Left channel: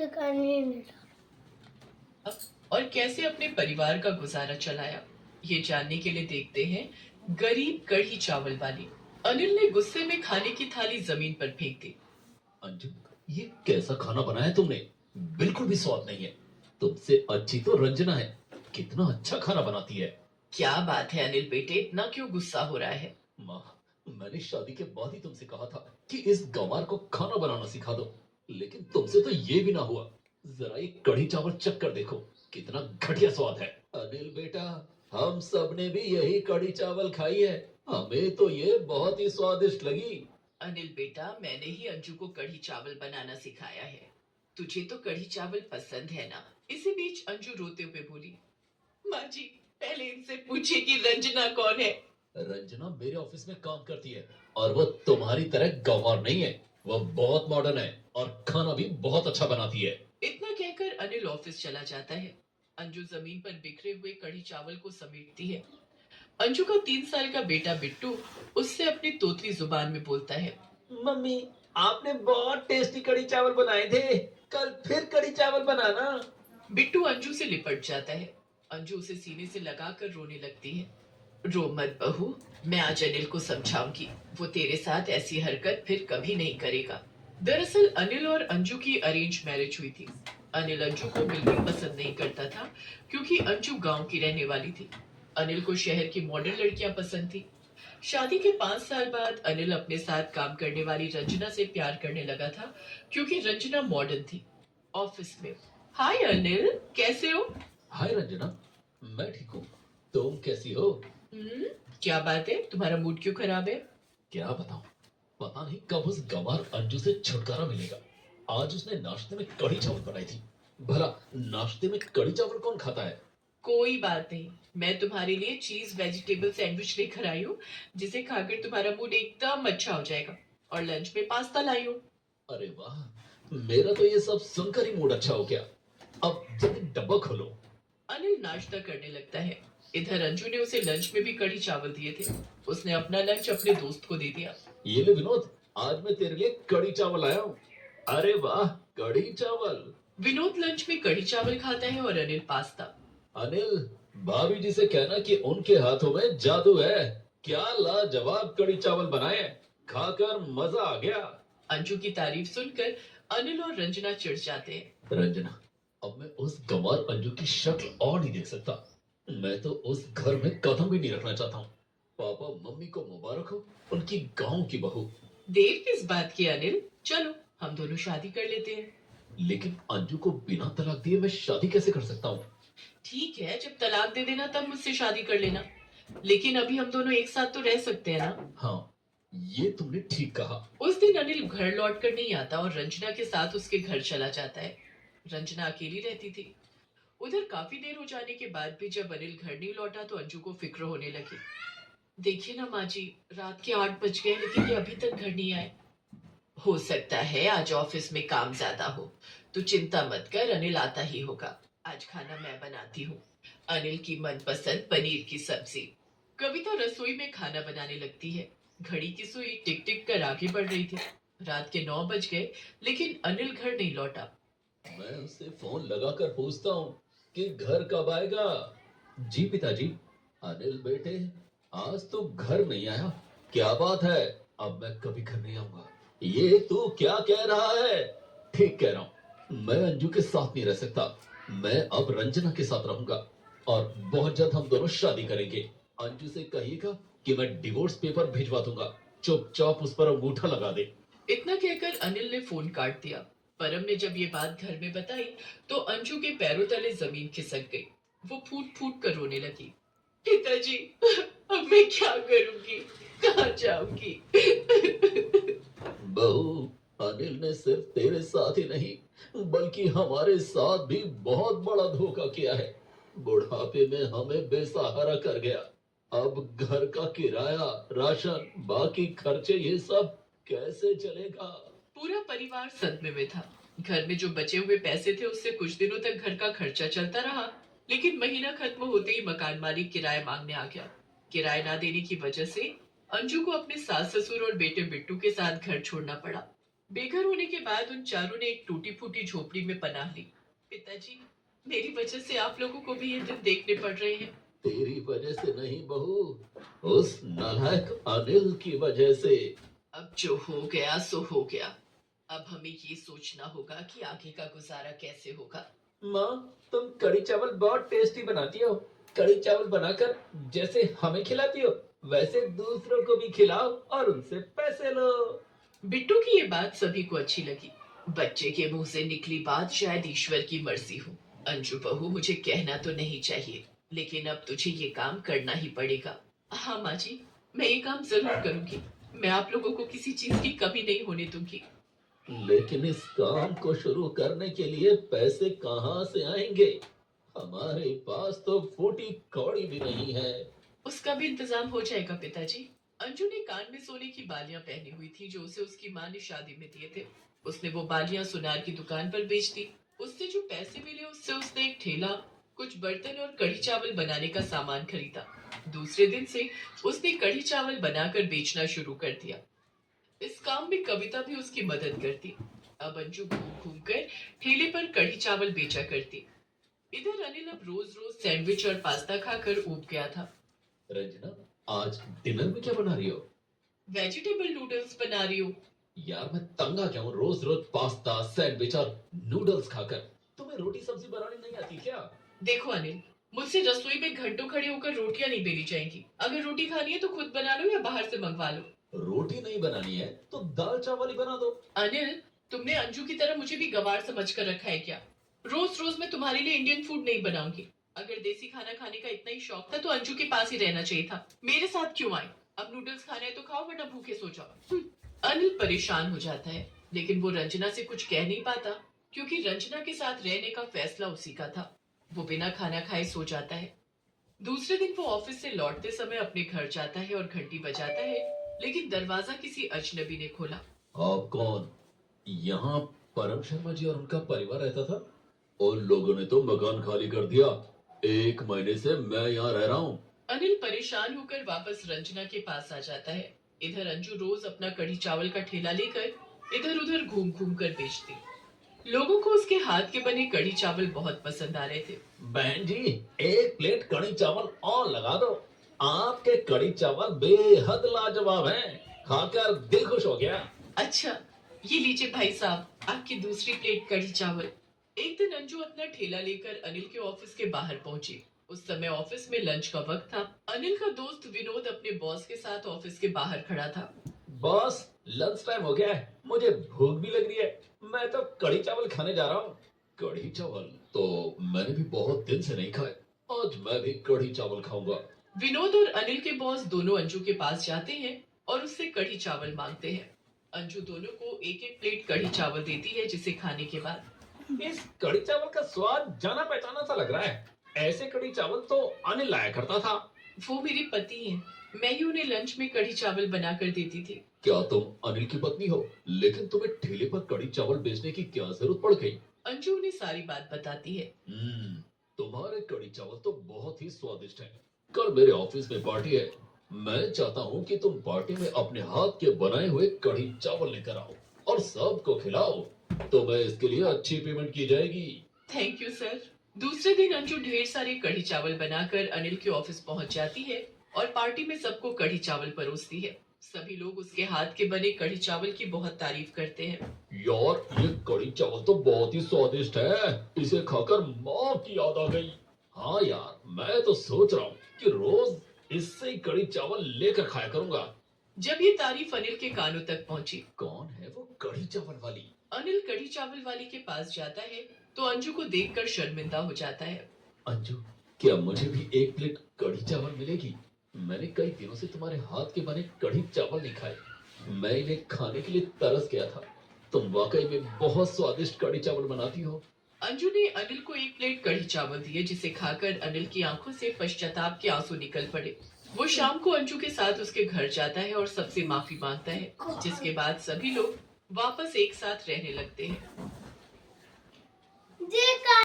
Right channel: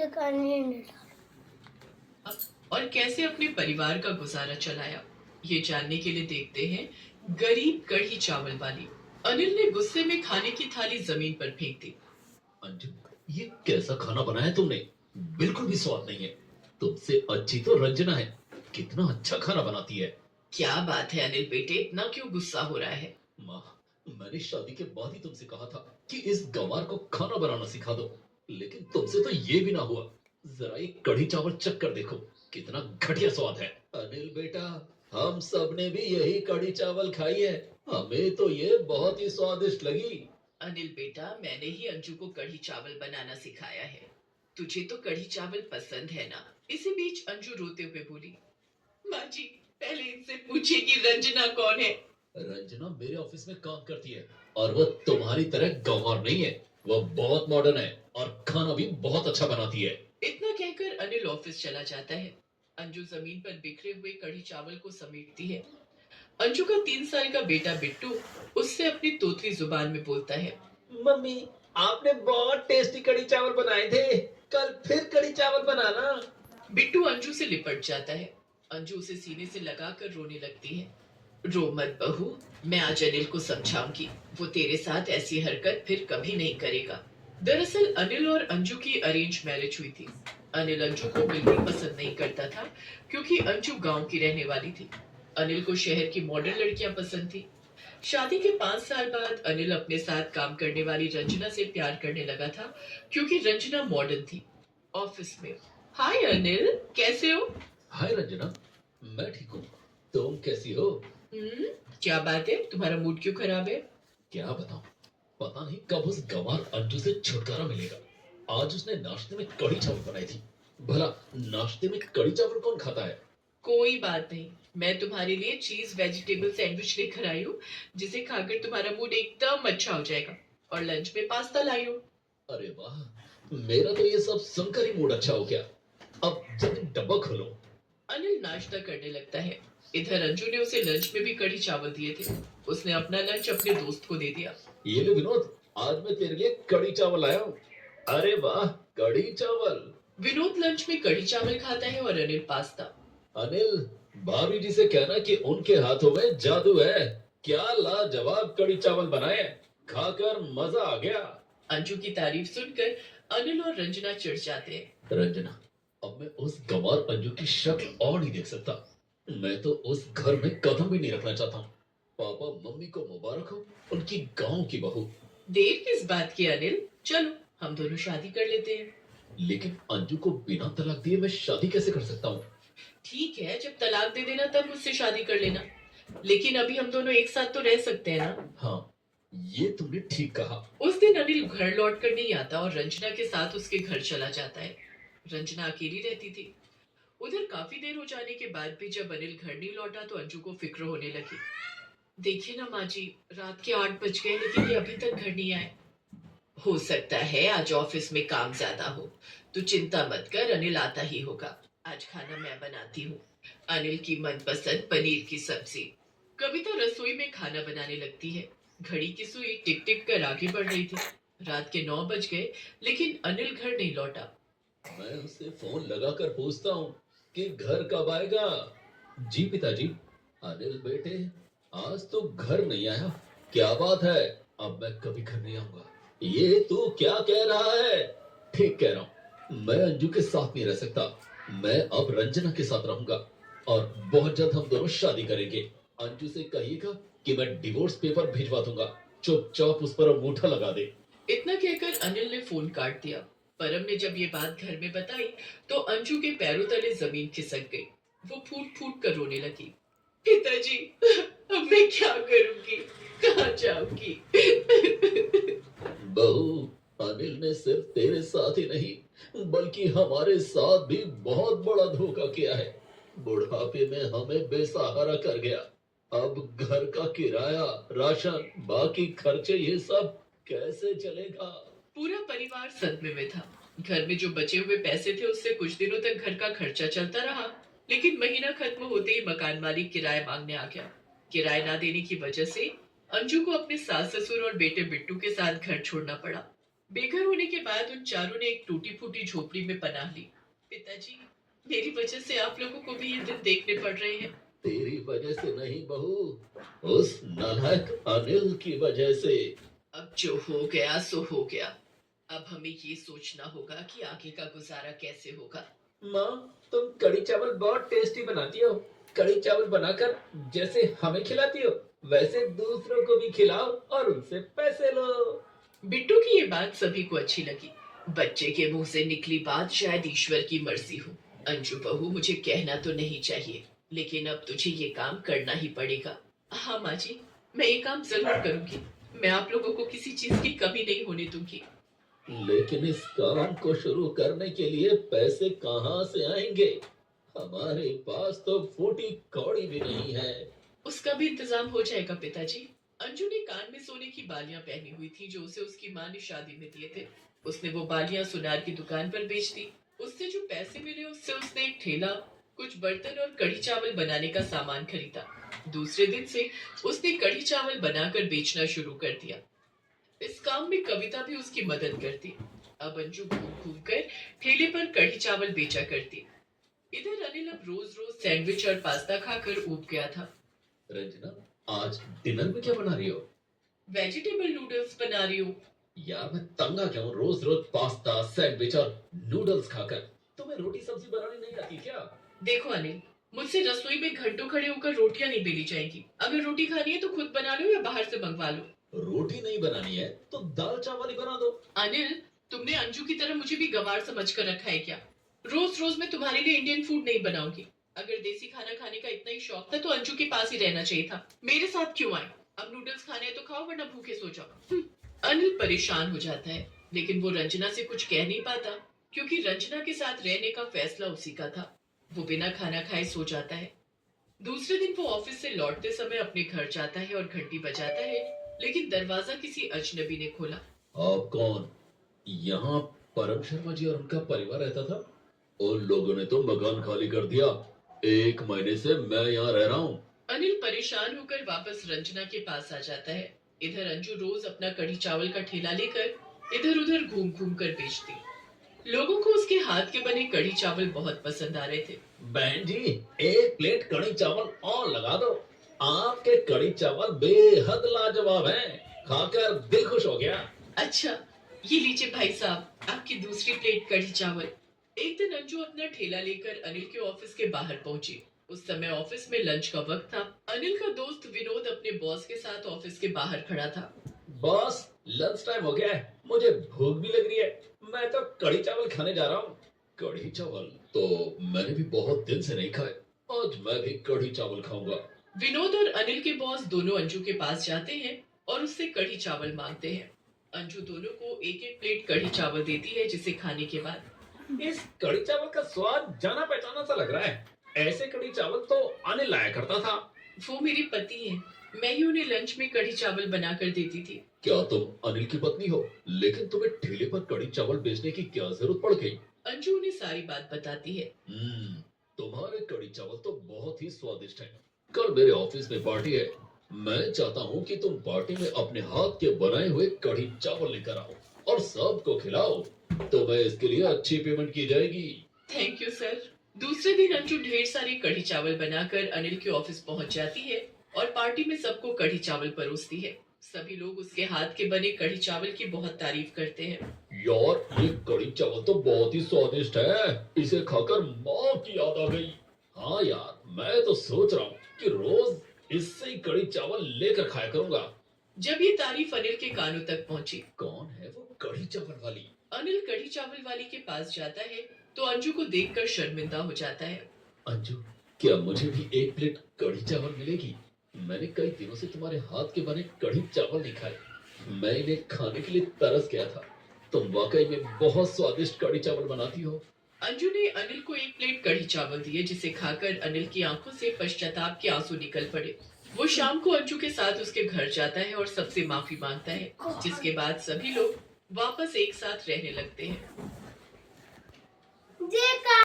सिखाने नहीं था। और कैसे अपने परिवार का गुजारा चलाया, ये जानने के लिए देखते हैं गरीब कढ़ी चावल वाली। अनिल ने गुस्से में खाने की थाली जमीन पर फेंक दी। अंजू, ये कैसा खाना बनाया तुमने? बिल्कुल भी स्वाद नहीं है। तुमसे अच्छी तो रंजना है। कितना अच्छा खाना बनाती है। क्या बात है अनिल बेटे, इतना क्यों गुस्सा हो रहा है? माँ, मैंने शादी के बाद ही तुमसे कहा था कि इस गंवार को खाना बनाना सिखा दो, लेकिन तुमसे तो ये भी ना हुआ। जरा ये कढ़ी चावल चख कर देखो, कितना घटिया स्वाद है। अनिल बेटा, हम सब ने भी यही कढ़ी चावल खाई है, हमें तो ये बहुत ही स्वादिष्ट लगी। अनिल बेटा, मैंने ही अंजू को कढ़ी चावल बनाना सिखाया है। तुझे तो कढ़ी चावल पसंद है ना? इसी बीच अंजू रोते हुए बोली, माँ जी, पहले इनसे पूछिए कि रंजना कौन है। रंजना मेरे ऑफिस में काम करती है और वो तुम्हारी तरह गंवार नहीं है। वो बहुत मॉडर्न है और खाना भी बहुत अच्छा बनाती है। इतना कहकर अनिल ऑफिस चला जाता है। अंजू जमीन पर बिखरे हुए कढ़ी चावल को समेटती है। अंजू का 3 साल का बेटा बिट्टू उससे अपनी तोतली जुबान में बोलता है, मम्मी, आपने बहुत टेस्टी कढ़ी चावल बनाए थे, कल फिर कढ़ी चावल बनाना। बिट्टू अंजू से लिपट जाता है। अंजू उसे सीने से लगाकर रोने लगती है। रो मत बहू, मैं आज अनिल को समझाऊंगी। वो तेरे साथ ऐसी हरकत फिर कभी नहीं करेगा। दरअसल अनिल और अंजू की अरेंज मैरिज हुई थी। अनिल अंजू को बिल्कुल पसंद नहीं करता था, क्योंकि अंजू गांव की रहने वाली थी। अनिल को शहर की मॉडर्न लड़कियां पसंद थी। शादी के 5 साल बाद अनिल अपने साथ काम करने वाली रंजना से प्यार करने लगा था, क्योंकि रंजना मॉडर्न थी। ऑफिस में, हाय अनिल, कैसे हो? हाय रंजना, मैं ठीक हूँ। तुम कैसी हो? हम्म, क्या बात है, तुम्हारा मूड क्यों खराब है? क्या बताऊं, पता नहीं कब उस गंवार अंजू से छुटकारा मिलेगा। आज उसने नाश्ते में कढ़ी चावल बनाई थी। भला नाश्ते में कढ़ी चावल कौन खाता है? कोई बात नहीं, मैं तुम्हारे लिए चीज वेजिटेबल सैंडविच लेकर आई हूँ, जिसे खाकर तुम्हारा मूड एकदम अच्छा हो जाएगा। और लंच में पास्ता लाई हूँ। अरे वाह, मेरा तो ये सब सुनकर ही मूड अच्छा हो गया। अब जल्दी डब्बा खोलो। अनिल नाश्ता करने लगता है। इधर अंजू ने उसे लंच में भी कढ़ी चावल दिए थे। उसने अपना लंच अपने दोस्त को दे दिया। ये ले विनोद, आज मैं तेरे लिए कढ़ी चावल लाया हूँ। अरे वाह, कढ़ी चावल। विनोद लंच में कढ़ी चावल खाता है और अनिल पास्ता। अनिल, भाभी जी से कहना कि उनके हाथों में जादू है। क्या लाजवाब कढ़ी चावल बनाए, खाकर मजा आ गया। अंजू की तारीफ सुनकर अनिल और रंजना चिढ़ जाते हैं। रंजना, अब मैं उस गंवार अंजू की शक्ल और नहीं देख सकता। मैं तो उस घर में कदम भी नहीं रखना चाहता हूँ। पापा मम्मी को मुबारक हो, उनकी गांव की बहू। देर किस बात की अनिल, चलो हम दोनों शादी कर लेते हैं। लेकिन अंजू को बिना तलाक दिए मैं शादी कैसे कर सकता हूँ? ठीक है, जब तलाक दे देना तब मुझसे शादी कर लेना। लेकिन अभी हम दोनों एक साथ तो रह सकते हैं ना? हाँ, ये तुमने ठीक कहा। उस दिन अनिल घर लौट कर नहीं आता और रंजना के साथ उसके घर चला जाता है। रंजना अकेली रहती थी। उधर काफी देर हो जाने के बाद भी जब अनिल घर नहीं लौटा तो अंजू को फिक्र होने लगी। देखिए ना माँ जी, रात के 8 बज गए लेकिन ये अभी तक घर नहीं आए। हो सकता है आज ऑफिस में काम ज्यादा हो। तू चिंता मत कर, अनिल आता ही होगा। आज खाना मैं बनाती हूँ, अनिल की मनपसंद पनीर की सब्जी। कविता रसोई में खाना बनाने लगती है। घड़ी की सुई टिक टिक कर आगे बढ़ रही थी। रात के 9 बज गए, लेकिन अनिल घर नहीं लौटा। मैं उसे फोन लगाकर पूछता हूँ कि घर कब आएगा। जी पिताजी। अनिल बेटे, आज तो घर नहीं आया, क्या बात है? अब मैं कभी घर नहीं आऊंगा। ये तू क्या कह रहा है? ठीक कह रहा हूँ, मैं अंजू के साथ नहीं रह सकता। मैं अब रंजना के साथ रहूंगा और बहुत जल्द हम दोनों शादी करेंगे। अंजू से कहिएगा कि मैं डिवोर्स पेपर भिजवा दूंगा, चुपचाप उस पर अंगूठा लगा दे। इतना कहकर अनिल ने फोन काट दिया। परम ने जब ये बात घर में बताई तो अंजू के पैरों तले जमीन खिसक गई। वो फूट फूट कर रोने लगी। पिताजी, अब मैं क्या करूंगी, कहाँ जाऊंगी? बहू, अनिल ने सिर्फ तेरे साथ ही नहीं बल्कि हमारे साथ भी बहुत बड़ा धोखा किया है। बुढ़ापे में हमें बेसहारा कर गया। अब घर का किराया, राशन, बाकी खर्चे, ये सब कैसे चलेगा? पूरा परिवार सदमे में था। घर में जो बचे हुए पैसे थे उससे कुछ दिनों तक घर का खर्चा चलता रहा, लेकिन महीना खत्म होते ही मकान मालिक किराया मांगने आ गया। किराया ना देने की वजह से अंजू को अपने सास ससुर और बेटे बिट्टू के साथ घर छोड़ना पड़ा। बेघर होने के बाद उन चारों ने एक टूटी फूटी झोपड़ी में पनाह ली। पिताजी, मेरी वजह से आप लोगों को भी ये दिन देखने पड़ रहे हैं। तेरी वजह से नहीं बहू, उस नालायक अनिल की वजह से। अब जो हो गया सो हो गया। अब हमें ये सोचना होगा कि आगे का गुजारा कैसे होगा। माँ, तुम कढ़ी चावल बहुत टेस्टी बनाती हो। कढ़ी चावल बनाकर जैसे हमें खिलाती हो, वैसे दूसरों को भी खिलाओ और उनसे पैसे लो। बिट्टू की ये बात सभी को अच्छी लगी। बच्चे के मुंह से निकली बात शायद ईश्वर की मर्जी हो। अंजू बहू, मुझे कहना तो नहीं चाहिए, लेकिन अब तुझे ये काम करना ही पड़ेगा। हाँ माँ जी, मैं ये काम जरूर करूंगी। मैं आप लोगों को किसी चीज की कमी नहीं होने दूंगी। लेकिन इस काम को शुरू करने के लिए पैसे कहाँ से आएंगे? हमारे पास तो फूटी कौड़ी भी नहीं है। उसका भी इंतजाम हो जाएगा पिताजी। अंजू ने कान में सोने की बालियां पहनी हुई थी जो उसे उसकी माँ ने शादी में दिए थे। उसने वो बालियां सुनार की दुकान पर बेच दी। उससे जो पैसे मिले उससे उसने एक ठेला, कुछ बर्तन और कढ़ी चावल बनाने का सामान खरीदा। दूसरे दिन से उसने कढ़ी चावल बनाकर बेचना शुरू कर दिया। इस काम में कविता भी उसकी मदद करती। अब अंजू घूम घूम कर ठेले पर कढ़ी चावल बेचा करती। इधर अनिल अब रोज रोज सैंडविच और पास्ता खाकर ऊब गया था। रंजना, आज डिनर में क्या बना रही हो? वेजिटेबल नूडल्स बना रही हूँ। यार मैं तंग आ जाऊं रोज रोज पास्ता सैंडविच और नूडल्स खाकर। तुम्हें रोटी सब्जी बनानी नहीं आती क्या? देखो अनिल, मुझसे रसोई में घंटों खड़े होकर रोटियां नहीं बेली जाएंगी। अगर रोटी खानी है तो खुद बना लो या बाहर से मंगवा लो। रोटी नहीं बनानी है तो दाल चावल ही बना दो। अनिल, तुमने अंजू की तरह मुझे भी गवार समझ कर रखा है क्या? रोज रोज मैं तुम्हारे लिए इंडियन फूड नहीं बनाऊंगी। अगर देसी खाना खाने का इतना ही शौक था तो अंजू के पास ही रहना चाहिए था। मेरे साथ क्यों आए? अब नूडल्स खाना है तो खाओ वरना भूखे सो जाओ। अनिल परेशान हो जाता है, लेकिन वो रंजना से कुछ कह नहीं पाता, क्योंकि रंजना के साथ रहने का फैसला उसी का था। वो बिना खाना खाए सो जाता है। दूसरे दिन वो ऑफिस से लौटते समय अपने घर जाता है और घंटी बजाता है, लेकिन दरवाजा किसी अजनबी ने खोला। आप कौन? यहाँ परम शर्मा जी और उनका परिवार रहता था। उन लोगों ने तो मकान खाली कर दिया। 1 महीने से मैं यहाँ रह रहा हूँ। अनिल परेशान होकर वापस रंजना के पास आ जाता है। इधर अंजू रोज अपना कढ़ी चावल का ठेला लेकर इधर उधर घूम घूम कर बेचती। लोगों को उसके हाथ के बने कढ़ी चावल बहुत पसंद आ रहे थे। बहन जी, 1 प्लेट कढ़ी चावल और लगा दो। आपके कढ़ी चावल बेहद लाजवाब हैं। खाकर दिल खुश हो गया। अच्छा, ये लीजिए भाई साहब, आपकी दूसरी प्लेट कढ़ी चावल। एक दिन अंजू अपना ठेला लेकर अनिल के ऑफिस के बाहर पहुंची। उस समय ऑफिस में लंच का वक्त था। अनिल का दोस्त विनोद अपने बॉस के साथ ऑफिस के बाहर खड़ा था। बॉस, लंच टाइम हो गया है, मुझे भूख भी लग रही है। मैं तो कढ़ी चावल खाने जा रहा हूँ। कढ़ी चावल तो मैंने भी बहुत दिन से नहीं खाए। आज मैं भी कढ़ी चावल खाऊंगा। विनोद और अनिल के बॉस दोनों अंजू के पास जाते हैं और उससे कढ़ी चावल मांगते हैं। अंजू दोनों को एक एक प्लेट कढ़ी चावल देती है, जिसे खाने के बाद इस कढ़ी चावल का स्वाद जाना पहचाना सा लग रहा है। ऐसे कढ़ी चावल तो अनिल लाया करता था। वो मेरे पति हैं। मैं ही उन्हें लंच में कढ़ी चावल बनाकर देती थी। क्या तुम अनिल की पत्नी हो? लेकिन तुम्हें ठेले पर कढ़ी चावल बेचने की क्या जरूरत पड़ गई? अंजू उन्हें सारी बात बताती है। तुम्हारे कढ़ी चावल तो बहुत ही स्वादिष्ट हैं। कल मेरे ऑफिस में पार्टी है। मैं चाहता हूँ कि तुम पार्टी में अपने हाथ के बनाए हुए कढ़ी चावल लेकर आओ और सबको खिलाओ। तुम्हें इसके लिए अच्छी पेमेंट की जाएगी। Thank you sir. दूसरे दिन अंजू ढेर सारे कढ़ी चावल बनाकर अनिल के ऑफिस पहुंच जाती है और पार्टी में सबको कढ़ी चावल परोसती है। सभी लोग उसके हाथ के बने कढ़ी चावल की बहुत तारीफ करते हैं। यार, ये कढ़ी चावल तो बहुत ही स्वादिष्ट है। इसे खाकर माँ की याद आ गई। हाँ यार, मैं तो सोच रहा हूँ कि रोज इससे ही कढ़ी चावल लेकर खाया करूंगा। जब ये तारीफ अनिल के कानों तक पहुंची, कौन है वो कढ़ी चावल वाली? अनिल कढ़ी चावल वाली के पास जाता है तो अंजू को देखकर शर्मिंदा हो जाता है। अंजू, क्या मुझे भी 1 प्लेट कढ़ी चावल मिलेगी? मैंने कई दिनों से तुम्हारे हाथ के बने कढ़ी चावल नहीं खाए। मैं इन्हें खाने के लिए तरस गया था। तुम वाकई में बहुत स्वादिष्ट कढ़ी चावल बनाती हो। अंजू ने अनिल को एक प्लेट कढ़ी चावल दिए, जिसे खाकर अनिल की आंखों से पश्चाताप के आंसू निकल पड़े। वो शाम को अंजू के साथ उसके घर जाता है और सबसे माफी मांगता है, जिसके बाद सभी लोग वापस एक साथ रहने लगते हैं।